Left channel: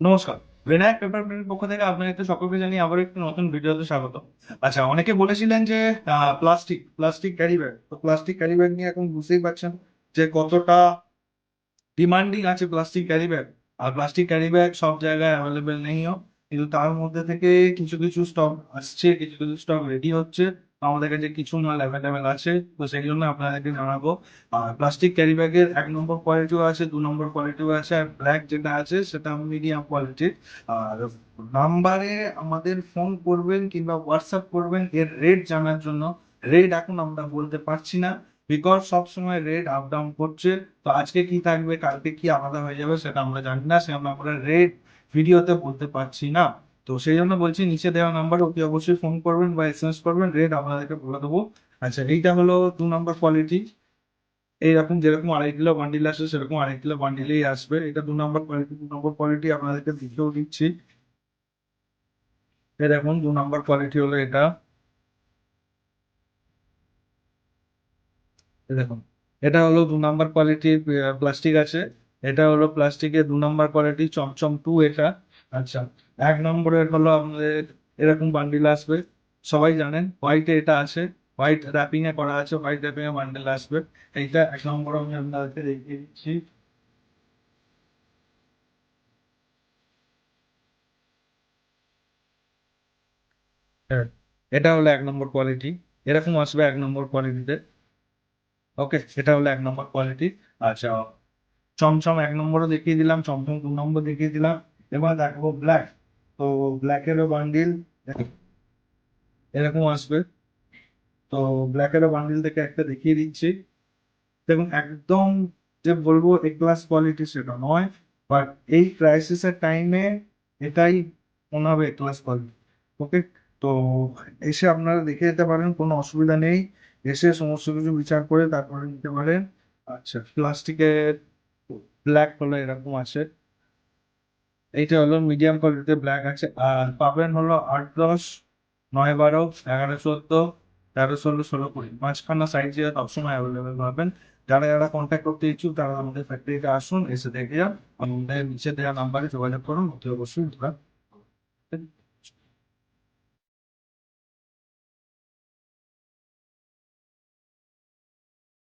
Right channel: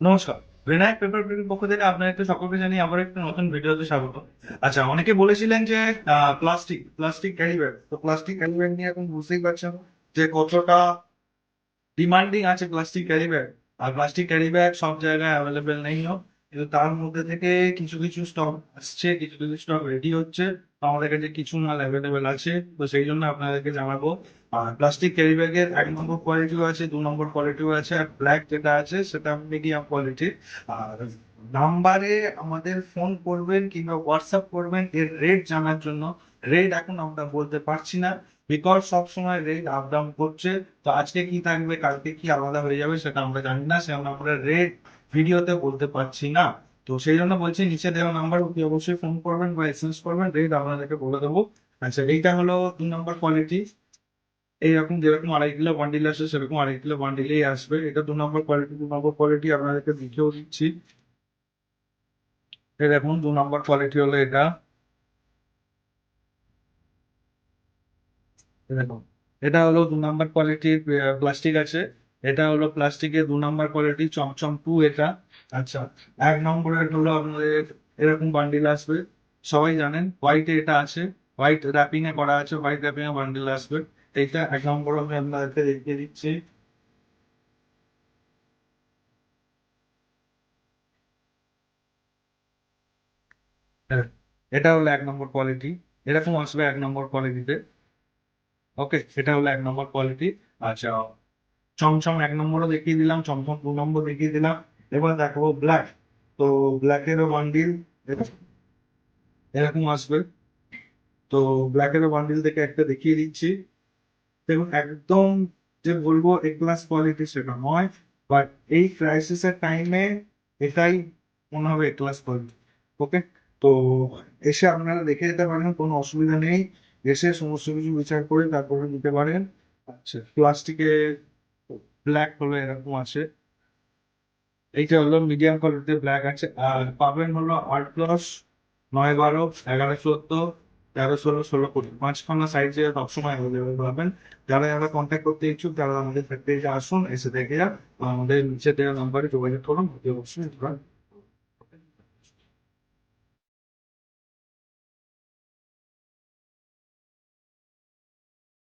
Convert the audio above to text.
নমস্কার। বিনায়ক পেপার প্লেটের পক্ষ থেকে আপনাদেরকে সকলকে জানিয়ে আবার একটা নতুন ভিডিওতে স্বাগত। আচ্ছা, অনেকে বলেছিলেন যে প্লাস্টিক ক্যারি ব্যাগ। তো প্লাস্টিক ক্যারি ব্যাগ নিয়ে এখন বুঝতেই পারছেন যে কতটা ডিমান্ডিং আছে প্লাস্টিক ক্যারি ব্যাগ। আর প্লাস্টিক ক্যারি ব্যাগ সব জায়গায় অ্যাভেলেবেল নেইও। কিন্তু তার মধ্যে থেকে কিছু স্টক আসছে, কিছু স্টক রেডি হচ্ছে। আমাদের কাছে কিছু মাল অ্যাভেলেবেল আছে। তো সেই জন্য আপনাদেরকে জানাবো। আর প্লাস্টিক ক্যারি ব্যাগের ১ নম্বর কোয়ালিটিও আছে, ২ নম্বর কোয়ালিটিও আছে। আর ব্ল্যাক যেটা আছে সেটা মিডিয়াম কোয়ালিটির। আর নাম্বারে আমাদের ফোন করবেন কিংবা WhatsApp করবেন এর রেট জানার জন্য। রেট এখন আমরা বলতে পারছি না। বিকজ সবসময় রেট আপ ডাউন করছে। তো আজকে কি থাকবে, কালকে কি আলাদা হয়ে যাবে সেটা আমরা জানি না। সে আমরা রেট ভিডিওতে বলতে পারছি না। তো সেই জন্য বলছি নিচে দেওয়া নাম্বার অতি অবশ্যই ফোন করবেন বা এসএমএস করবেন, রেট আপনাদেরকে বলে দেবো। আচ্ছা, এইটা হলো ২ নম্বর কোয়ালিটি। এইরকম যেরকম ২.৫ কিলো বান্ডিল আসে সেরকম ২.৫ কিলো বান্ডিলেই আসবে। এটা ২ নম্বর কোয়ালিটি। ২ নম্বর কোয়ালিটি আপনাদেরকে লিখেও দিচ্ছি। এই দেখুন ২ নম্বর কোয়ালিটি হলো এটা। এই দেখুন, এটা হলো ২ নাম্বার কোয়ালিটির প্লাস্টিক আছে। এটা হলো প্লাস্টিকের ২ নাম্বার কোয়ালিটি চমচম 2 এটা। আচ্ছা, ১ নম্বরের হলো আপনাদের এরকম বান্ডিল আসবে। সবাই জানেন হোয়াইটে এটা আছে। হোয়াইট র‍্যাপিং এ করা আছে, হোয়াইট র‍্যাপিং এ বান্ডিল আসবে। এইটা ১ নম্বর আমি আপনাদেরকে দেখিয়ে দিচ্ছি। হ্যাঁ, এটা হলো ১ নম্বর কোয়ালিটি। এরকম আসবে ১ নম্বর কোয়ালিটিতে। ওকে, এটা হলো ১ নম্বর কোয়ালিটি। আচ্ছা, চমচম ১ নম্বরও দেখিয়ে দিলাম, চমচম ২ নম্বর দেখিয়ে দিলাম। এবার দেখাবো ব্ল্যাক। তো ব্ল্যাকেরও বান্ডিল এরকম আসবে। তো ব্ল্যাকেরও বান্ডিল থেকে একটা দেখিয়ে দিচ্ছি। দেখুন, একদম যে বলবো এ ক্লাস কোয়ালিটি সেটা নয়। বাট এই ক্রাইসিস এর টাইমে এটাই মনে হবে এ ক্লাস কোয়ালিটি। ওকে? তো এসে আপনারা দেখে যেতে পারেন, কোনো অসুবিধা নেই। এসে সমস্ত কিছু বিচার করে তারপরে নিতে পারেন। আচ্ছা, প্লাস্টিকের ব্ল্যাক হলো এরকম আছে। এইটা হলো মিডিয়াম কোয়ালিটির ব্ল্যাক আছে। আর পাবেন হলো ৮-১০, ৯-১২, ১১-১৪, ১৩-১৬, ১৬-২০ পাঁচখানা সাইজে সবসময় অ্যাভেলেবেল পাবেন। যারা কন্ট্যাক্ট করতে ইচ্ছুক তারা আমাদের ফ্যাক্টরিতে আসুন, এসে দেখে যান। আমাদের নিচে দেওয়া নাম্বারে যোগাযোগ করুন, অতি অবশ্যই আমরা